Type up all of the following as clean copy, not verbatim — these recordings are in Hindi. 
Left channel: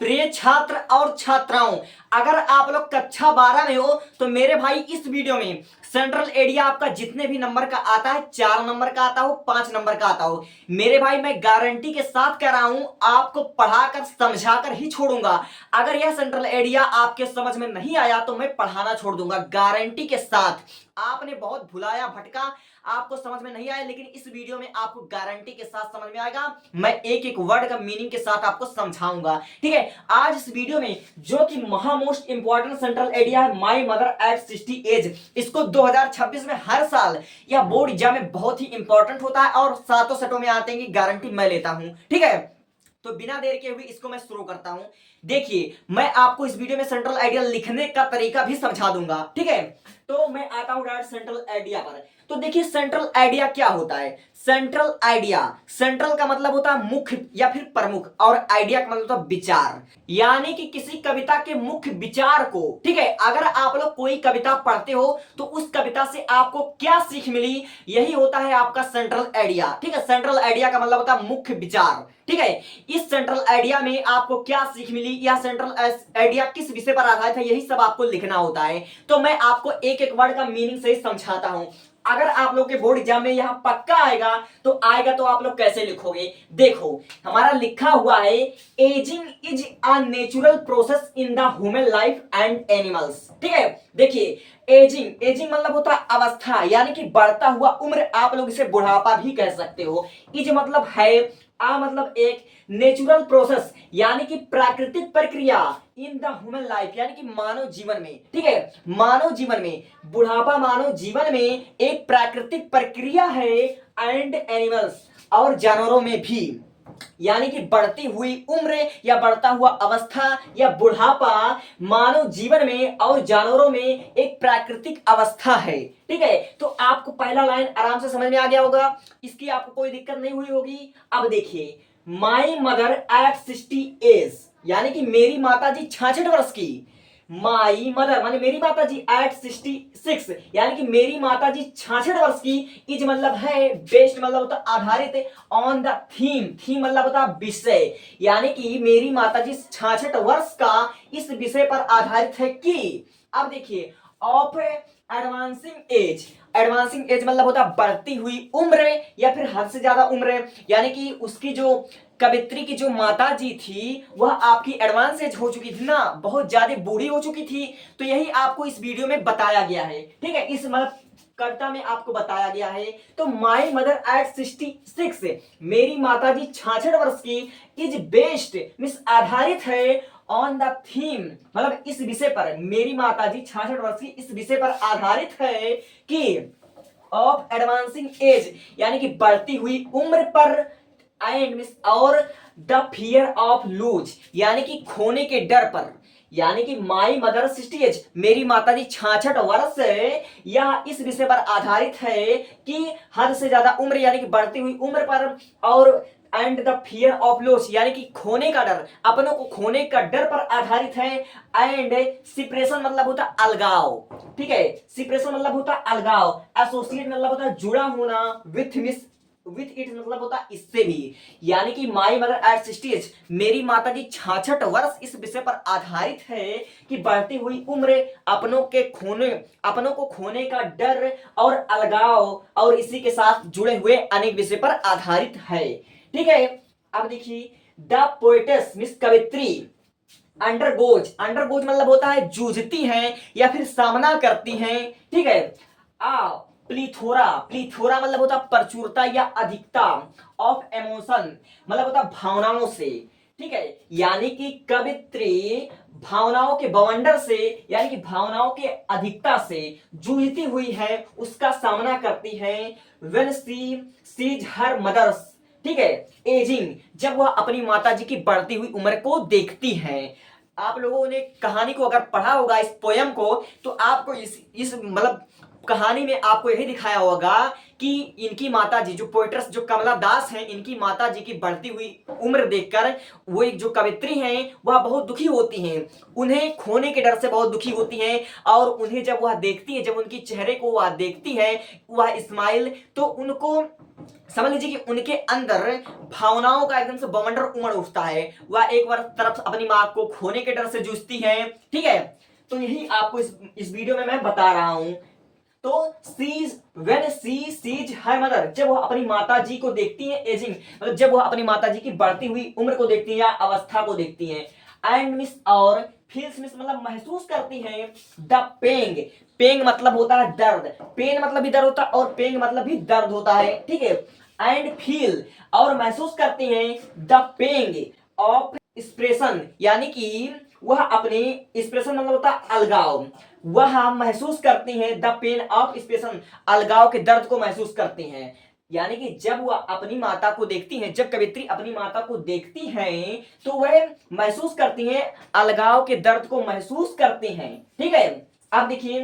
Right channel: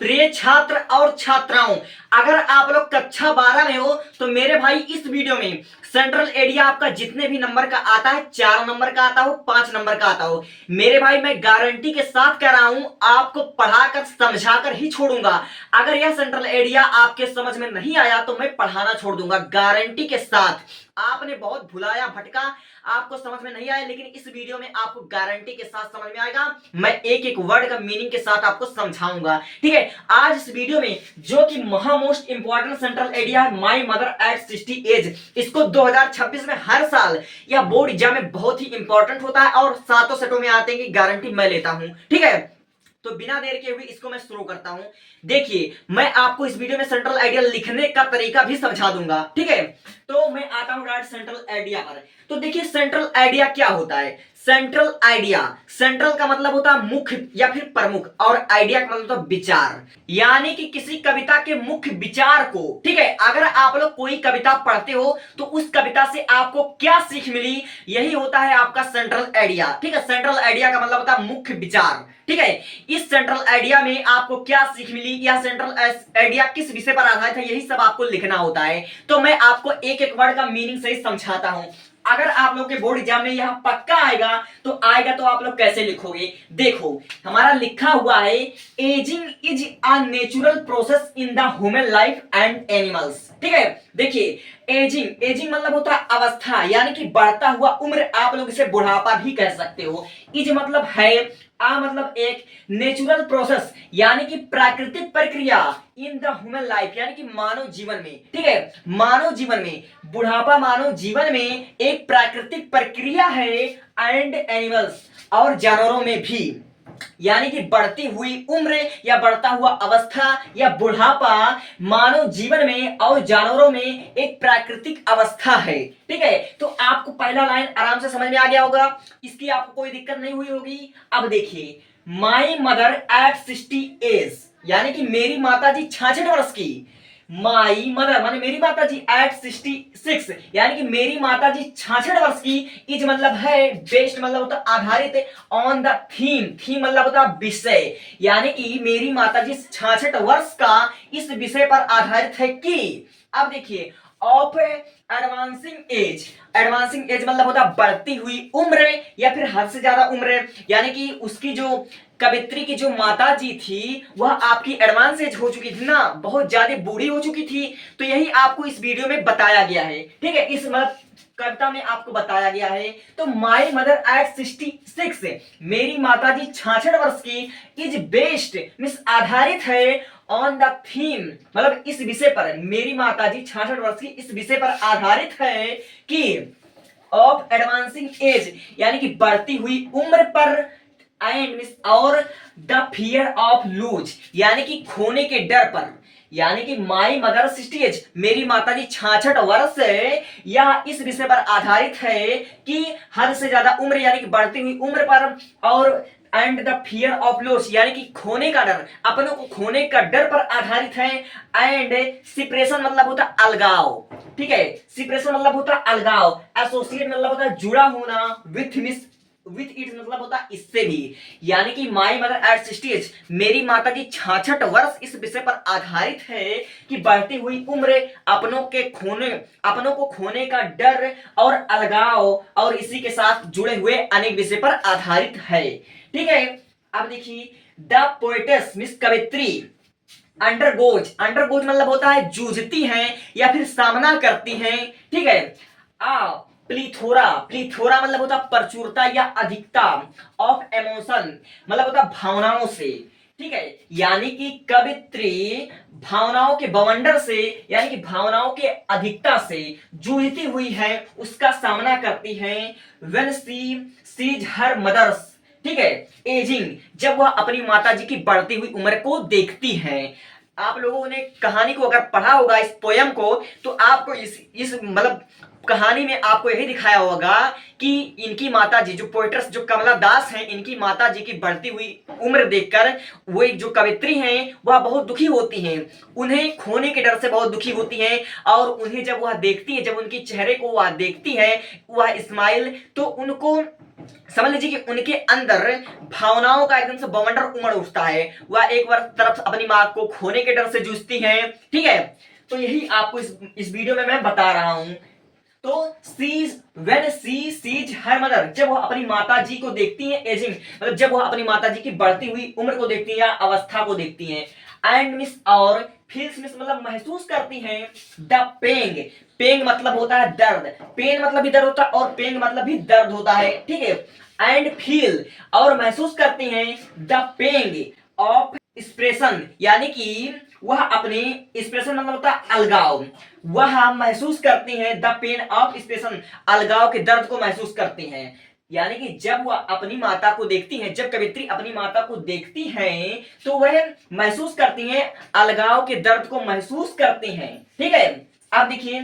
प्रिय छात्र और छात्राओं, अगर आप लोग कक्षा 12 में हो तो मेरे भाई इस वीडियो में सेंट्रल एरिया आपका जितने भी नंबर का आता है, 4 नंबर का आता हो, 5 नंबर का आता हो, मेरे भाई मैं गारंटी के साथ कह रहा हूं आपको पढ़ाकर समझाकर ही छोड़ूंगा। अगर यह सेंट्रल एरिया आपके समझ में नहीं आया तो मैं पढ़ाना छोड़ दूंगा गारंटी के साथ। आपने बहुत भुलाया भटका, आपको समझ में नहीं आया, लेकिन इस वीडियो में आपको गारंटी के साथ समझ में आएगा। मैं एक एक वर्ड का मीनिंग के साथ आपको समझाऊंगा, ठीक है। आज इस वीडियो में जो कि मोस्ट इंपॉर्टेंट सेंट्रल एरिया है, माई मदर एट 60 एज, इसको 2026 में हर साल या बोर्ड एग्जाम में बहुत ही इंपॉर्टेंट होता है और सातों सेटों में आते हैं कि गारंटी मैं लेता हूं, ठीक है। तो बिना देर के हुए इसको मैं शुरू करता हूं। देखिए, मैं आपको इस वीडियो में सेंट्रल आइडिया लिखने का तरीका भी समझा दूंगा, ठीक है। तो मैं आता हूं डायरेक्ट सेंट्रल आइडिया पर। तो देखिए, सेंट्रल आइडिया क्या होता है। सेंट्रल आइडिया, सेंट्रल का मतलब होता है मुख्य या फिर प्रमुख, और आइडिया का मतलब होता है विचार, यानी कि किसी कविता के मुख्य विचार को, ठीक है। अगर आप लोग कोई कविता पढ़ते हो तो उस कविता से आपको क्या सीख मिली, यही होता है आपका सेंट्रल आइडिया, ठीक है। सेंट्रल आइडिया का मतलब होता है मुख्य विचार, ठीक है। इस सेंट्रल आइडिया में आपको क्या सीख मिली, यह सेंट्रल आइडिया किस विषय पर आधारित है, यही सब आपको लिखना होता है। तो मैं आपको एक एक वर्ड का मीनिंग से समझाता हूं। अगर आप लोग के बोर्ड एग्जाम में यह पक्का आएगा तो आप लोग कैसे लिखोगे। देखो, हमारा लिखा हुआ है, ageing is a natural process in the human life and animals, ठीक है। देखिए, एजिंग, एजिंग मतलब होता है अवस्था, यानी कि बढ़ता हुआ उम्र, आप लोग इसे बुढ़ापा भी कह सकते हो। इज मतलब है, आ मतलब एक, नेचुरल प्रोसेस यानी कि प्राकृतिक प्रक्रिया, इन द ह्यूमन लाइफ यानी कि मानव जीवन में, ठीक है। मानव जीवन में बुढ़ापा मानव जीवन में एक प्राकृतिक प्रक्रिया है, एंड एनिमल्स और जानवरों में भी, यानी कि बढ़ती हुई उम्र या बढ़ता हुआ अवस्था या बुढ़ापा मानव जीवन में और जानवरों में एक प्राकृतिक अवस्था है, ठीक है। तो आपको पहला लाइन आराम से समझ में आ गया होगा, इसकी आपको कोई दिक्कत नहीं हुई होगी। अब देखिए, माई मदर एट 60 एज, यानी कि मेरी माता जी 66 वर्ष की। माई मदर माने मेरी माता जी एट 66, यानी कि मेरी माता जी 66 वर्ष की। इज मतलब है, बेस्ड मतलब होता आधारित, ऑन द थीम, थीम मतलब होता विषय, यानी कि मेरी माता जी 66 वर्ष का इस विषय पर आधारित है कि, अब देखिए, of advancing as, advancing as मतलब होता बढ़ती हुई उम्र या फिर हद से ज्यादा उम्र, यानी कि उसकी जो कवित्री की जो माता जी थी वह आपकी एडवांस एज हो चुकी थी ना, बहुत ज्यादा बूढ़ी हो चुकी थी। तो यही आपको इस वीडियो में बताया गया है, ठीक है। इस कविता में आपको बताया गया है। तो माई मदर एट 66, मेरी माता जी 66 वर्ष की, इज बेस्ड मीन्स आधारित है, ऑन द थीम मतलब इस विषय पर, मेरी माता जी 66 वर्ष की इस विषय पर आधारित है कि, ऑफ एडवांसिंग एज यानी कि बढ़ती हुई उम्र पर, एंड मीन्स और, द फियर ऑफ लूज यानी कि खोने के डर पर, यानी कि माई मदर 60 एज, मेरी माता जी 66 वर्ष है, यह इस विषय पर आधारित है कि हद से ज्यादा उम्र यानी कि बढ़ती हुई उम्र पर, और and the fear of loss यानी कि खोने का डर, अपनों को खोने का डर पर आधारित है। एंड सिपरेशन मतलब होता अलगाव, ठीक है। सिपरेशन मतलब होता अलगाव, एसोसिएट मतलब होता जुड़ा होना, विथ मिस विथ इट मतलब होता इससे भी, यानी कि माई मदर एट 60 एज, मेरी माता जी 66 वर्ष इस विषय पर आधारित है कि बढ़ती हुई उम्र, अपनों को खोने का डर और अलगाव और इसी के साथ जुड़े हुए अनेक विषय पर आधारित है, ठीक है। अब देखिए, द पोएटेस मिस कवित्री, अंडरगोज, अंडरगोज मतलब होता है जूझती हैं या फिर सामना करती हैं, ठीक है। आ प्लीथोरा, प्लीथोरा मतलब होता प्रचुरता या अधिकता, ऑफ इमोशन मतलब होता भावनाओं से, ठीक है। यानी कि कवित्री भावनाओं के बवंडर से यानी कि भावनाओं के अधिकता से जूझती हुई है, उसका सामना करती है। When she sees her mothers, ठीक है, एजिंग, जब वह अपनी माता जी की बढ़ती हुई उम्र को देखती हैं। आप लोगों ने कहानी को अगर पढ़ा होगा, इस पोयम को, तो आपको इस मतलब कहानी में आपको यही दिखाया होगा कि इनकी माता जी जो पोएट्रेस जो कमला दास हैं, इनकी माता जी की बढ़ती हुई उम्र देखकर वो एक जो कवित्री हैं वह बहुत दुखी होती हैं, उन्हें खोने के डर से बहुत दुखी होती हैं। और उन्हें जब वह देखती है, जब उनके चेहरे को वह देखती है, वह स्माइल, तो उनको समझ लीजिए कि उनके अंदर भावनाओं का एकदम से बवंडर उमड़ उठता है। वह एक बार तरफ अपनी माँ को खोने के डर से जूझती है, ठीक है। तो यही आपको इस वीडियो में मैं बता रहा हूं। तो when she sees her mother, जब वह अपनी माता जी को देखती है एजिंग, मतलब जब वह अपनी माता जी की बढ़ती हुई उम्र को देखती है या अवस्था को देखती है, एंड मिस और फील्स मिस मतलब महसूस करती है द पेंग, पेंग मतलब होता है दर्द, पेन मतलब भी दर्द होता है और पेंग मतलब भी दर्द होता है, ठीक है। एंड फील और महसूस करती हैं द पेंग ऑफ एक्सप्रेशन, यानी कि वह अपने एक्सप्रेशन मतलब होता है अलगाव, वह महसूस करती हैं द पेन ऑफ एक्सप्रेशन, अलगाव के दर्द को महसूस करती हैं। यानी कि जब वह अपनी माता को देखती हैं, जब कवित्री अपनी माता को देखती हैं तो वह महसूस करती हैं, अलगाव के दर्द को महसूस करती हैं, ठीक है। अब देखिए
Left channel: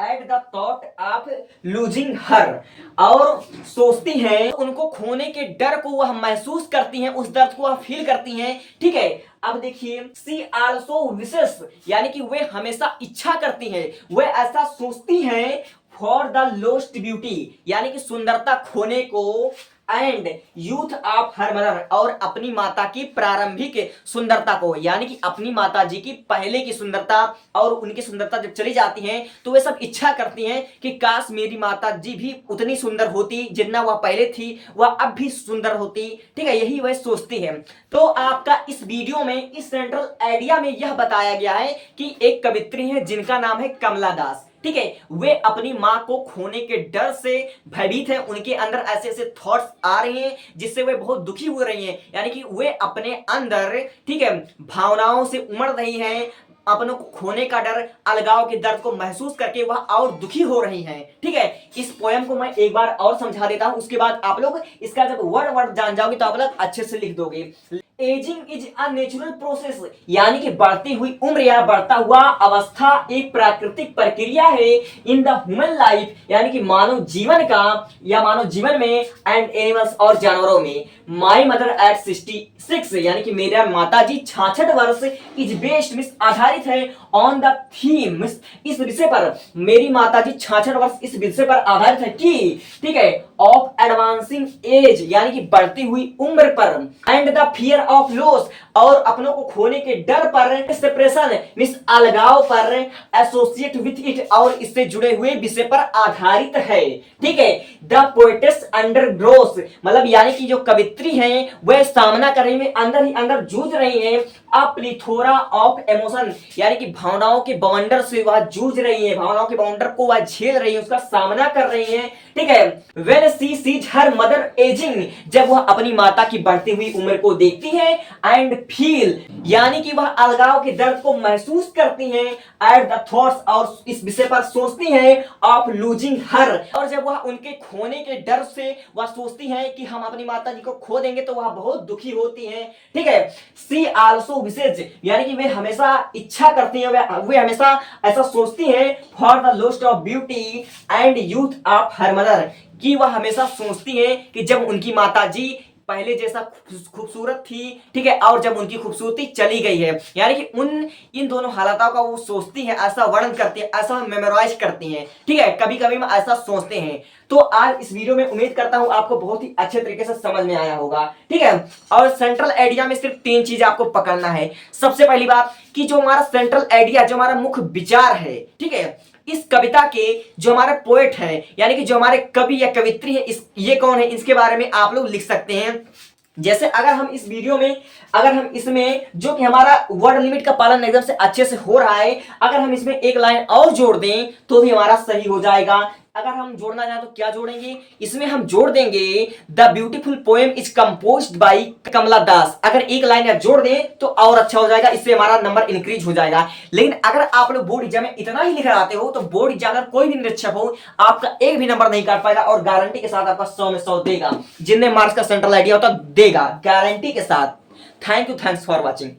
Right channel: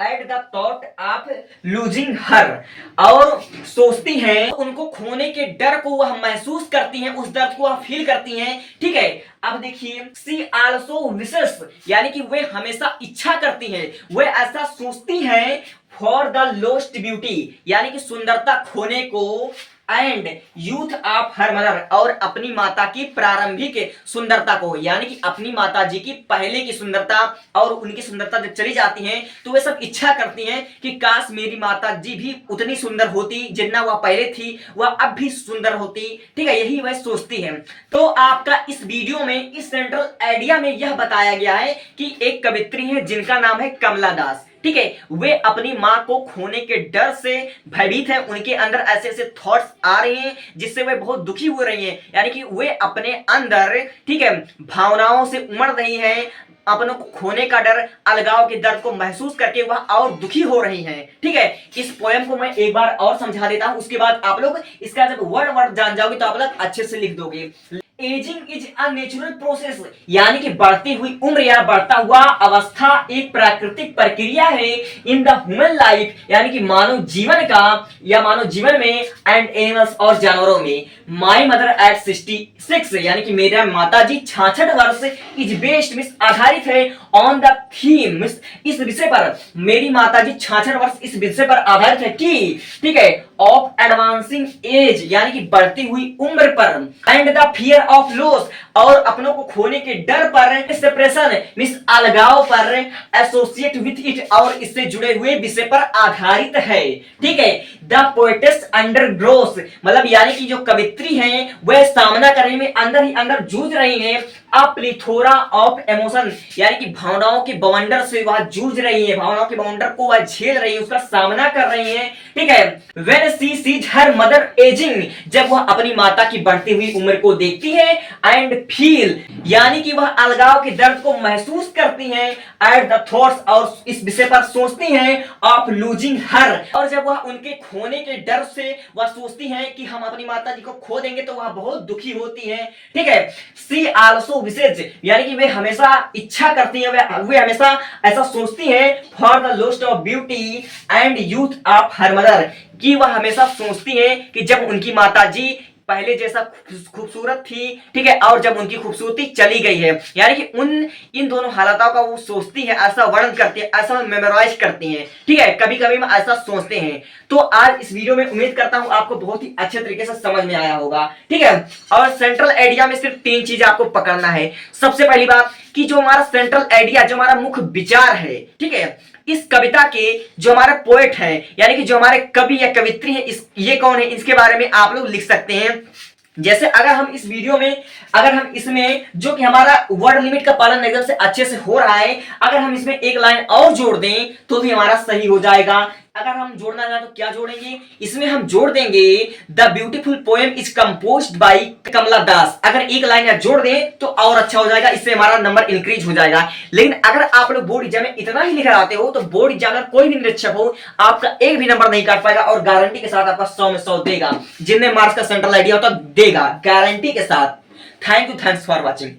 at the thought of losing her, और सोचती हैं उनको खोने के डर को वह महसूस करती हैं, उस दर्द को वह फील करती हैं, ठीक है। अब देखिए सी आल्सो विशेष, यानी कि वे हमेशा इच्छा करती हैं, वे ऐसा सोचती हैं फॉर द लोस्ट ब्यूटी, यानी कि सुंदरता खोने को, and youth of her mother, और अपनी माता की प्रारंभिक सुंदरता को, यानी कि अपनी माता जी की पहले की सुंदरता और उनकी सुंदरता जब चली जाती है तो वे सब इच्छा करती हैं कि काश मेरी माता जी भी उतनी सुंदर होती जितना वह पहले थी, वह अब भी सुंदर होती, ठीक है। यही वह सोचती है। तो आपका इस वीडियो में इस सेंट्रल आइडिया में यह बताया गया है कि एक कवित्री है जिनका नाम है कमला दास, ठीक है। वे अपनी मां को खोने के डर से भयभीत हैं, उनके अंदर ऐसे ऐसे थॉट्स आ रहे हैं जिससे वे बहुत दुखी हो रही हैं, यानी कि वे अपने अंदर, ठीक है, भावनाओं से उमड़ रही हैं, अपनों को खोने का डर, अलगाव के दर्द को महसूस करके वह और दुखी हो रही हैं, ठीक है। इस पोयम को मैं एक बार और समझा देता हूं, उसके बाद आप लोग इसका जब वर्ड वर्ड जान जाओगे तो आप लोग अच्छे से लिख दोगे। Ageing is a natural process, यानी कि बढ़ती हुई उम्र या बढ़ता हुआ अवस्था एक प्राकृतिक प्रक्रिया है इन द ह्यूमन लाइफ, यानी कि मानव जीवन का या मानव जीवन में, एंड एनिमल्स और जानवरों में। माई मदर एट 66, यानी कि मेरा माता जी 66 वर्ष, इज बेस्ड मिस आधारित है ऑन द थीम, इस विषय पर, मेरी माता जी 66 वर्ष इस विषय पर आधारित है कि, ठीक है, ऑफ एडवांसिंग एज, यानी कि बढ़ती हुई उम्र पर, and the fear of loss, और अपनों को खोने के डर पर, सेपरेशन मिस अलगाव पर, एसोसिएट विथ इट, और इससे जुड़े हुए विषय पर आधारित है, ठीक है। द पोएटेस अंडर ग्रोस, मतलब यानी कि जो कवित्री हैं वह सामना करने में अंदर ही अंदर जूझ रही हैं, अ प्लीथोरा ऑफ इमोशन, यानी कि भावनाओं के बवंडर से वह जूझ रही है, भावनाओं के बवंडर को वह झेल रही है, उसका सामना कर रही है, ठीक है। When she sees her mother ageing, जब वह अपनी माता की बढ़ती हुई उम्र को देखती है, एंड फील, यानी कि वह अलगाव के दर्द को महसूस करती हैं, एट द थॉट्स, और इस विषय पर सोचती हैं, ऑफ लूजिंग हर, और जब वह उनके खोने के डर से वह सोचती हैं कि हम अपनी माता जी को खो देंगे तो वह बहुत दुखी होती हैं, ठीक है। सी आल्सो विशेष, यानी कि वे हमेशा इच्छा करती हैं, वे हमेशा ऐसा सोचती हैं for the lost of beauty and youth of her mother, कि वह हमेशा सोचती हैं कि जब उनकी माता जी पहले जैसा खूबसूरत थी, ठीक है, और जब उनकी खूबसूरती चली गई है, यानी कि इन दोनों हालातों का वो सोचती है, ऐसा वर्णन करती है, ऐसा मेमोराइज करती हैं, ठीक है, कभी कभी हम ऐसा सोचते हैं। तो आज इस वीडियो में उम्मीद करता हूं आपको बहुत ही अच्छे तरीके से समझ में आया होगा, ठीक है। और सेंट्रल आइडिया में सिर्फ 3 चीज आपको पकड़ना है। सबसे पहली बात कि जो हमारा सेंट्रल आइडिया, जो हमारा मुख्य विचार है, ठीक है, इस कविता के जो हमारे पोएट है, यानी कि जो हमारे कवि या कवित्री है, ये कौन है, इसके बारे में आप लोग लिख सकते हैं। जैसे अगर हम इस वीडियो में, अगर हम इसमें जो कि हमारा वर्ड लिमिट का पालन एकदम से अच्छे से हो रहा है, अगर हम इसमें एक लाइन और जोड़ दें तो भी हमारा सही हो जाएगा। अगर हम जोड़ना चाहें तो क्या जोड़ेंगे, इसमें हम जोड़ देंगे the beautiful poem is composed by Kamala Das. अगर एक लाइन या जोड़ दें तो और अच्छा हो जाएगा, इससे हमारा नंबर इंक्रीज हो जाएगा। लेकिन अगर आप लोग बोर्ड एग्जाम में इतना ही लिखकर आते हो तो बोर्ड एग्जामिनर कोई भी निरीक्षक हो आपका एक भी नंबर नहीं काट पाएगा, और गारंटी के साथ आपका 100 में 100 देगा। जितने मार्क्स का सेंट्रल आइडिया होता देगा गारंटी के साथ। Thank you, thanks for watching.